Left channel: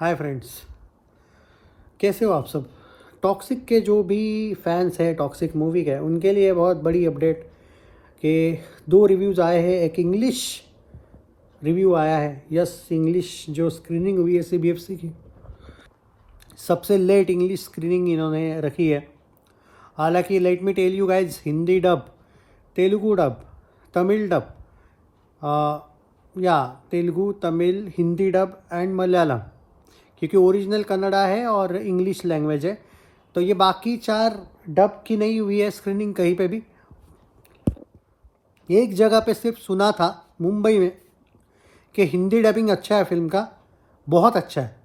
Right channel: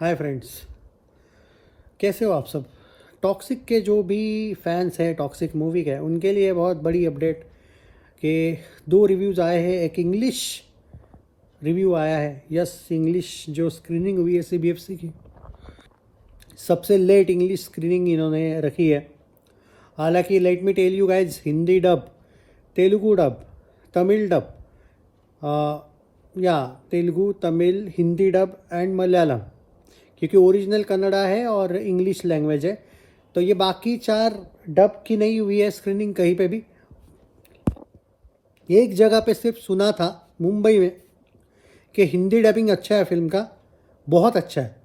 Hi friends, कैसे हो आप सब। टॉक्सिक के जो भी फैंस हैं टॉक्सिक मूवी के, उनके लिए बहुत बड़ी अपडेट कि दो रिव्यूज़ आए हैं। एक इंग्लिश रिव्यू आया है, यस इंग्लिश जो स्क्रीनिंग हुई है सीबीएफसी की, सबसे लेट इंग्लिश स्क्रीनिंग इन्होंने रखी है। हालांकि let me tell you guys, Hindi dub, Telugu dub, Tamil dub, या तेलुगु, तमिल, हिंदी डब एंड मलयालम, क्योंकि ओरिजिनल कन्नड़ा है और इंग्लिश लैंग्वेज है। तो ये बाकी चार डब की नहीं हुई है स्क्रीनिंग कहीं पे भी। एक जगह पे सिर्फ सुना था मुंबई में कि हिंदी डबिंग अच्छा है फिल्म का, बहुत अच्छा है।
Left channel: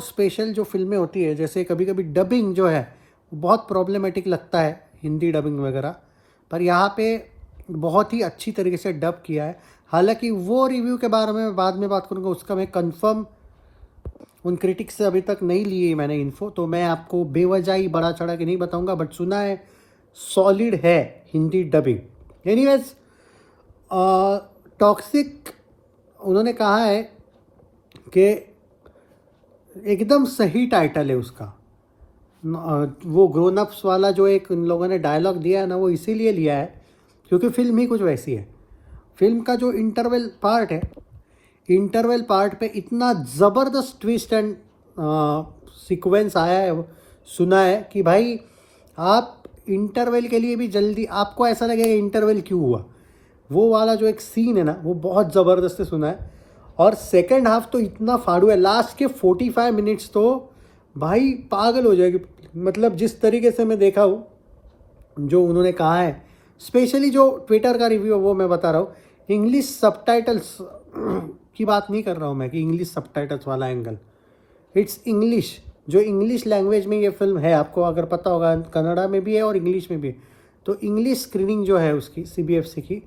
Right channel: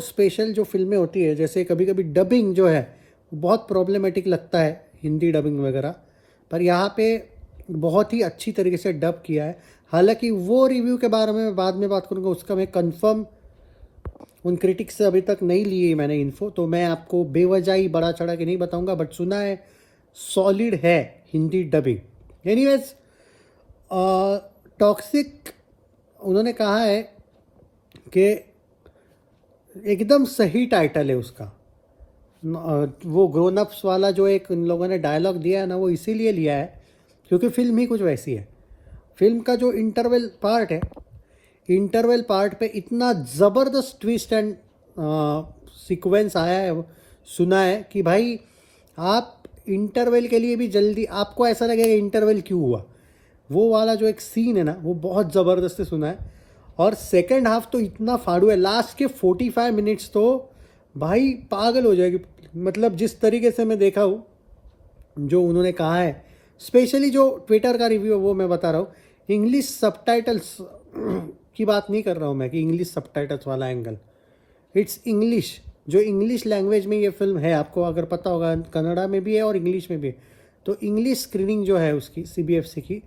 स्पेशल जो फिल्में होती है, जैसे कभी कभी डबिंग जो है बहुत प्रॉब्लमेटिक लगता है हिंदी डबिंग वगैरह, पर यहाँ पे बहुत ही अच्छी तरीके से डब किया है। हालांकि वो रिव्यू के बारे में बाद में बात करूँगा, उसका मैं कंफर्म उन क्रिटिक्स से अभी तक नहीं ली है मैंने इन्फो, तो मैं आपको बेवजह ही बड़ा चढ़ा के नहीं बताऊंगा, बट सुना है सॉलिड है हिंदी डबिंग। एनीवेज, टॉक्सिक उन्होंने कहा है कि एकदम सही टाइटल है उसका। वो ग्रोन अप्स वाला जो एक इन लोगों ने डायलॉग दिया है ना, वो इसीलिए लिया है क्योंकि फिल्म ही कुछ वैसी है। फिल्म का जो इंटरवल पार्ट है, इंटरवल पार्ट पे इतना ज़बरदस्त ट्विस्ट एंड सीक्वेंस आया है, सुना है कि भाई आप इंटरवल के लिए भी जल्दी, आपको ऐसा लगेगा इंटरवल क्यों हुआ। वो वाला जो एक सीन है ना, वो बहुत ज़बरदस्त सुना है। और सेकेंड हाफ तो इतना फाड़ू है, लास्ट के 45 मिनट्स तो भाई पागल हो जाएगी। मतलब जिस तरीके से मैं देखा हूँ, जो उन्होंने कहा है, स्पेशली जो ट्विटर का रिव्यू है वो मैं बता रहा हूँ। इंग्लिश सबटाइटल्स की बात नहीं कर रहा हूँ मैं कि इंग्लिश सबटाइटल्स वाला एंगल, इट्स इंग्लिश, जो इंग्लिश लैंग्वेज में ये फिल्म है, आपको अगर पता होगा कन्नड़ा में भी है और इंग्लिश में भी है। तो इंग्लिश स्क्रीनिंग जो है उसकी सीबीएफसी की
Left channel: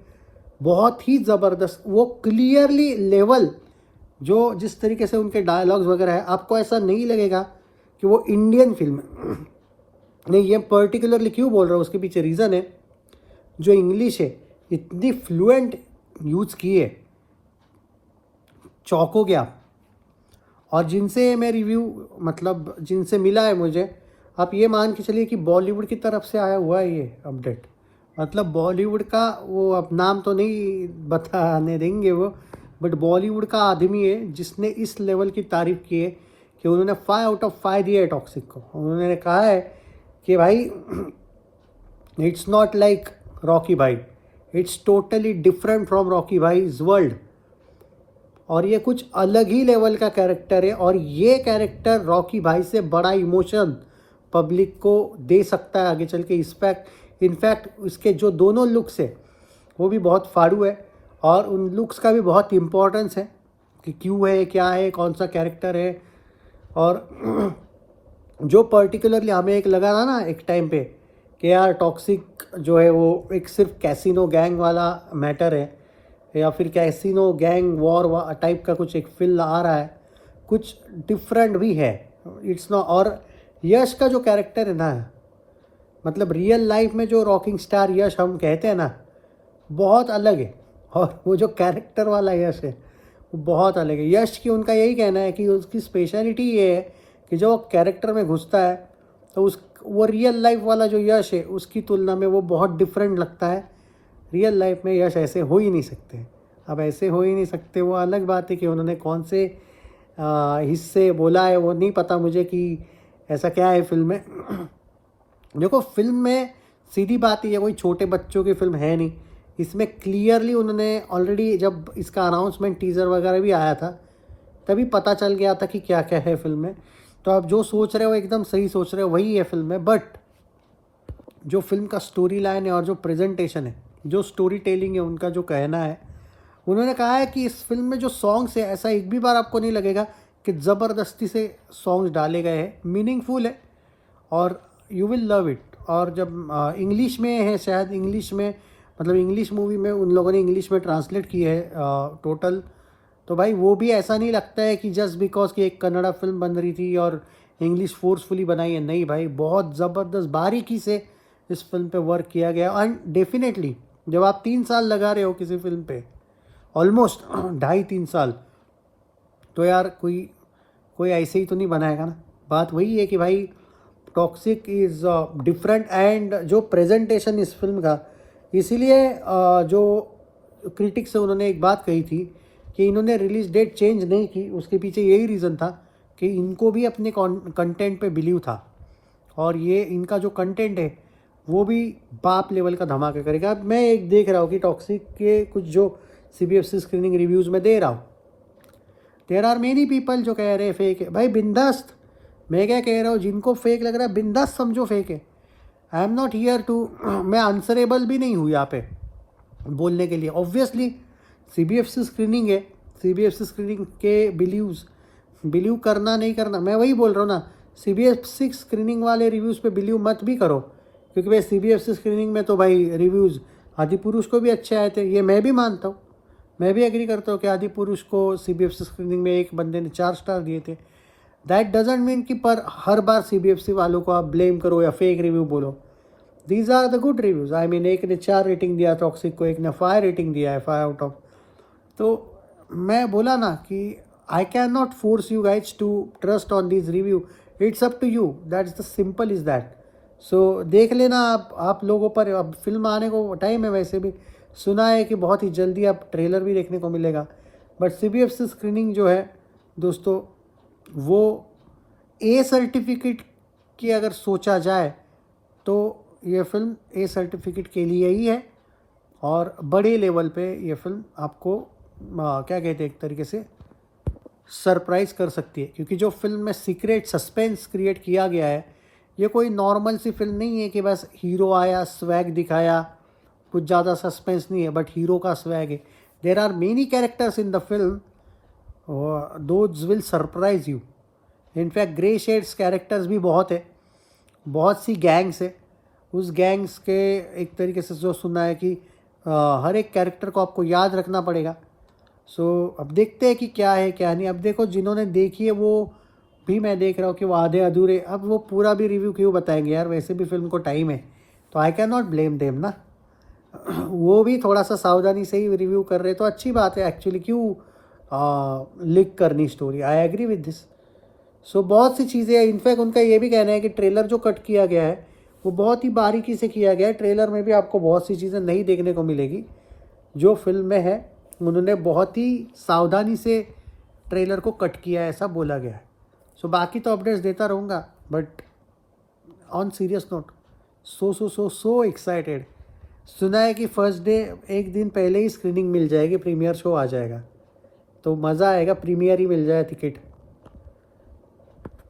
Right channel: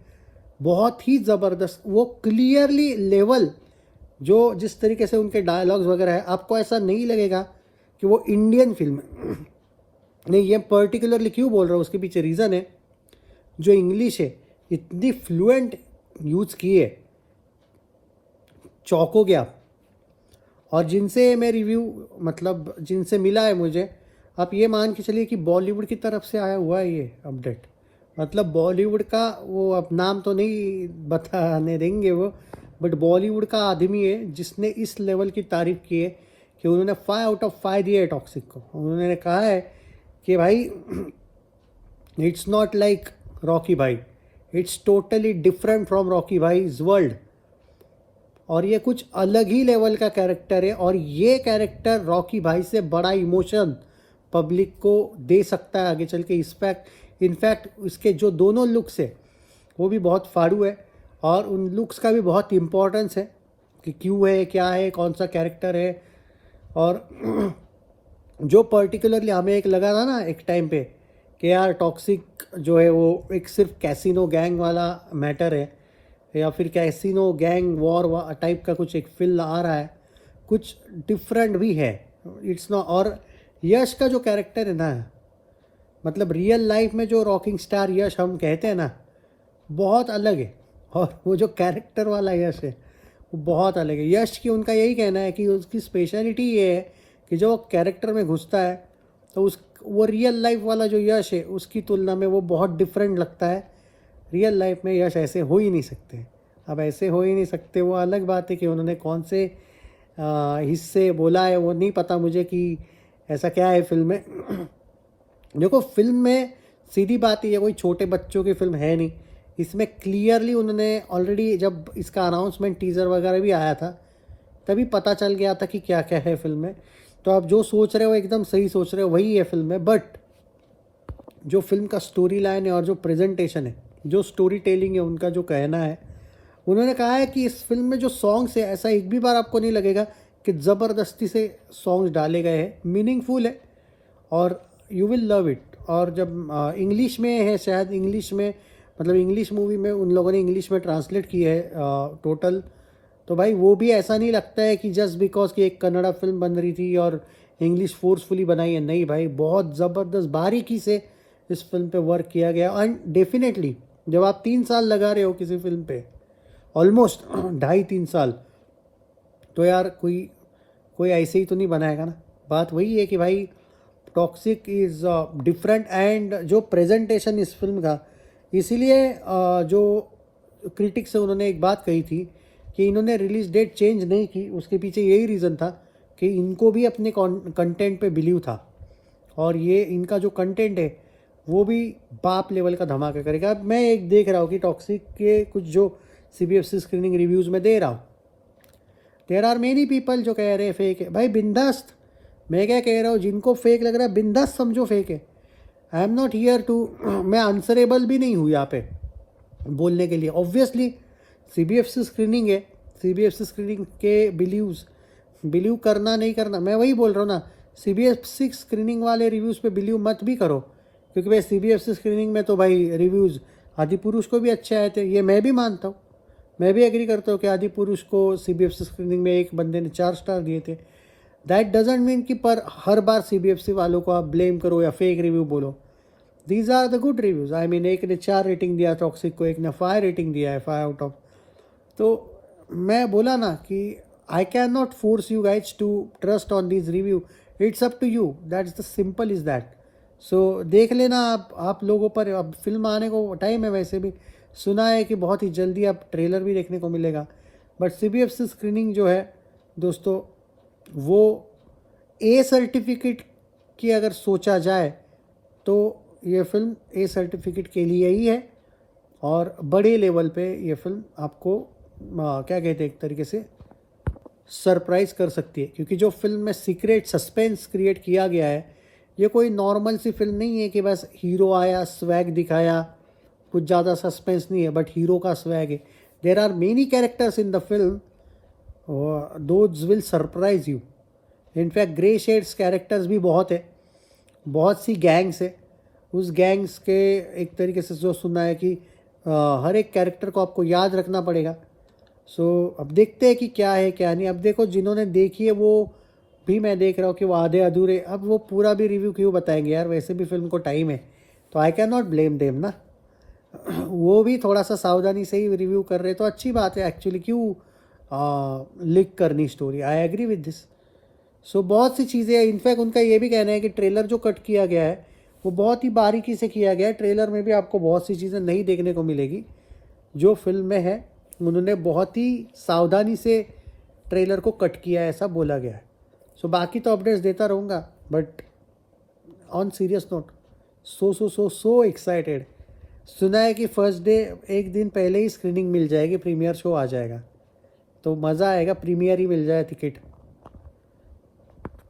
बहुत ही ज़बरदस्त, वो क्लियरली लेवल, जो जिस तरीके से उनके डायलॉग्स वगैरह है, आपको ऐसा नहीं लगेगा कि वो इंडियन फिल्म है। नहीं, ये पर्टिकुलरली क्यों बोल रहा हूँ, उसके पीछे रीज़न है, जो इंग्लिश है इतनी फ्लुएंट यूज़ की है, चौंक हो गया। और जिनसे मैं रिव्यू, मतलब जिनसे मिला है मुझे, आप ये मान के चलिए कि बॉलीवुड की तरफ से आया हुआ है ये अपडेट। मतलब बॉलीवुड का, वो अब नाम तो नहीं बताने देंगे वो, बट बॉलीवुड का आदमी है जिसने इस लेवल की तारीफ की है कि उन्होंने 5 आउट ऑफ 5 दिया है टॉक्सिक को। उन्होंने कहा है कि भाई it's not like Rocky Bhai, it's totally different from Rocky Bhai's world, और ये कुछ अलग ही लेवल का कैरेक्टर है। और ये कैरेक्टर रॉकी भाई से बड़ा इमोशन पब्लिक को दे सकता है आगे चल के। इनफैक्ट उसके जो दोनों लुक्स है वो भी बहुत फाड़ू है, और उन लुक्स का भी बहुत इम्पोर्टेंस है कि क्यों है, क्या है, कौन सा कैरेक्टर है। और जो पर्टिकुलरली हमें एक लगा था ना एक टाइम पे कि यार टॉक्सिक जो है वो एक सिर्फ कैसीनो गैंग वाला मैटर है, या फिर कैसीनो गैंग वॉर टाइप का कुछ एक फिल्म आ रहा है, कुछ डिफरेंट भी है, इट्स नॉट। और यश का जो कैरेक्टर है ना, मतलब रियल लाइफ में जो रॉकिंग स्टार यश हम कहते हैं ना, बहुत अलग है। और वो जो कैरेक्टर वाला यश है वो बहुत अलग है। यश की, उनका यही कहना है कि उसकी स्पेशलिटी ये है कि जो कैरेक्टर में घुसता है तो वो रियल लाइफ वाला जो यश है उसकी तुलना में वो बहुत डिफरेंट लगता है। रियल लाइफ में यश ऐसे हो ही नहीं सकते। अब ऐसे हो ही नहीं सकते, वो अलग बात है कि उन्होंने कौन से हिस्से बोला है वो नहीं पता मुझे कि ऐसा क्या है फिल्म में। देखो, फिल्म में सीधी बात है, कोई छोटे बच्चों की फिल्म है नहीं। इसमें क्लियरली उन्होंने ऑलरेडी, जब इसका अनाउंसमेंट टीज़र वगैरह भी आया था, तभी पता चल गया था कि क्या क्या है फिल्म में। तो आप जो सोच रहे हो एकदम सही सोच रहे हो, वही है फिल्म में। बट जो फिल्म का स्टोरी लाइन है और जो प्रेजेंटेशन है, जो स्टोरी टेलिंग है, उनका जो कहना है, उन्होंने कहा है कि इस फिल्म में जो सॉन्ग्स है, ऐसा एक भी बार आपको नहीं लगेगा कि ज़बरदस्ती से सॉन्ग्स डाले गए हैं, मीनिंगफुल है और यू विल लव इट। और जब इंग्लिश में है, शायद इंग्लिश में, मतलब इंग्लिश मूवी में उन लोगों ने इंग्लिश में ट्रांसलेट की है टोटल, तो भाई वो भी ऐसा नहीं लगता है कि जस्ट बिकॉज कि एक कन्नड़ा फिल्म बन रही थी और इंग्लिश फोर्सफुली बनाई है। नहीं भाई, बहुत ज़बरदस्त बारीकी से इस फिल्म पे वर्क किया गया। एंड डेफिनेटली जब आप 3 साल लगा रहे हो किसी फिल्म पे, ऑलमोस्ट 2.5-3 साल, तो यार कोई ऐसे ही तो नहीं बनाएगा ना। बात वही है कि भाई टॉक्सिक इज़ डिफरेंट, एंड जो प्रेजेंटेशन इस फिल्म का, इसीलिए जो क्रिटिक्स है उन्होंने एक बात कही थी कि इन्होंने रिलीज डेट चेंज नहीं की, उसके पीछे यही रीज़न था कि इनको भी अपने कंटेंट पे बिलीव था, और ये इनका जो कंटेंट है वो भी बाप लेवल का धमाका करेगा। अब मैं एक देख रहा हूँ कि टॉक्सिक के कुछ जो CBFC स्क्रीनिंग रिव्यूज़ में दे रहा हूँ, देयर आर मेनी पीपल जो कह रहे हैं फेक है। भाई बिंदास्त, मैं क्या कह रहा हूँ, जिनको फेक लग रहा है बिंदास्त समझो फेक है। I am not here to, मैं आंसरेबल भी नहीं हूँ यहाँ पे बोलने के लिए। ऑब्वियसली CBFC स्क्रीनिंग है, CBFC स्क्रीनिंग के बिलीव करना नहीं करना, मैं वही बोल रहा हूँ ना। CBFC स्क्रीनिंग वाले रिव्यूज़ पे बिलीव मत भी करो, क्योंकि भाई CBFC स्क्रीनिंग में तो भाई रिव्यूज़ आदिपुरुष को भी अच्छे आए थे, ये मैं भी मानता हूँ, मैं भी एग्री करता हूँ कि आदिपुरुष को CBFC स्क्रीनिंग में एक बंदे ने 4 स्टार दिए थे। दैट डजेंट मीन कि पर हर बार CBFC वालों को आप ब्लेम करो या फेक रिव्यू बोलो। These are the good reviews. I mean एक ने 4 रेटिंग दिया टॉक्सिक को, एक ने 5 रेटिंग दिया है, 5 आउट ऑफ। तो मैं बोला ना कि I can not force you guys to trust on this review, it's up to you, that is the simple is that. So देख लेना आप लोगों पर। अब फिल्म आने को टाइम है, वैसे भी सुना है कि बहुत ही जल्दी आप ट्रेलर भी देखने को मिलेगा। बट CBFC स्क्रीनिंग जो है दोस्तों, वो A सर्टिफिकेट की अगर सोचा जाए तो ये फिल्म A सर्टिफिकेट के लिए ही है, और बड़े लेवल पे ये फिल्म आपको क्या कहते हैं, एक तरीके से सरप्राइज कर सकती है। क्योंकि जो फिल्म में सीक्रेट सस्पेंस क्रिएट किया गया है, ये कोई नॉर्मल सी फिल्म नहीं है कि बस हीरो आया, स्वैग दिखाया, कुछ ज़्यादा सस्पेंस नहीं है, बट हीरो का स्वैग है। There are many characters in the film, those will surprise you. In fact grey shades characters भी बहुत है, बहुत सी गैंग्स है। उस गैंग्स के एक तरीके से जो सुना है कि हर एक कैरेक्टर को आपको याद रखना पड़ेगा। सो अब देखते हैं कि क्या है क्या नहीं। अब देखो, जिन्होंने देखी है वो भी, मैं देख रहा हूँ कि वो आधे अधूरे, अब वो पूरा भी रिव्यू क्यों बताएंगे यार, वैसे भी फिल्म को टाइम है, तो आई कैन नॉट ब्लेम देम ना। वो भी थोड़ा सा सावधानी से ही रिव्यू कर रहे तो अच्छी बात है एक्चुअली, क्यों लीक करनी story. I agree with this. So बहुत सी चीज़ें, इनफैक्ट उनका ये भी कहना है कि ट्रेलर जो कट किया गया है वो बहुत ही बारीकी से किया गया है। ट्रेलर में भी आपको बहुत सी चीज़ें नहीं देखने को मिलेगी जो फिल्म में है, उन्होंने बहुत ही सावधानी से ट्रेलर को कट किया है, ऐसा बोला गया है। सो बाकी तो अपडेट्स देता रहूँगा, but on serious note, so excited. सुना है कि फर्स्ट डे एक दिन पहले ही स्क्रीनिंग मिल जाएगी, प्रीमियर शो आ जाएगा, तो मज़ा आएगा, प्रीमियर ही मिल जाए टिकट।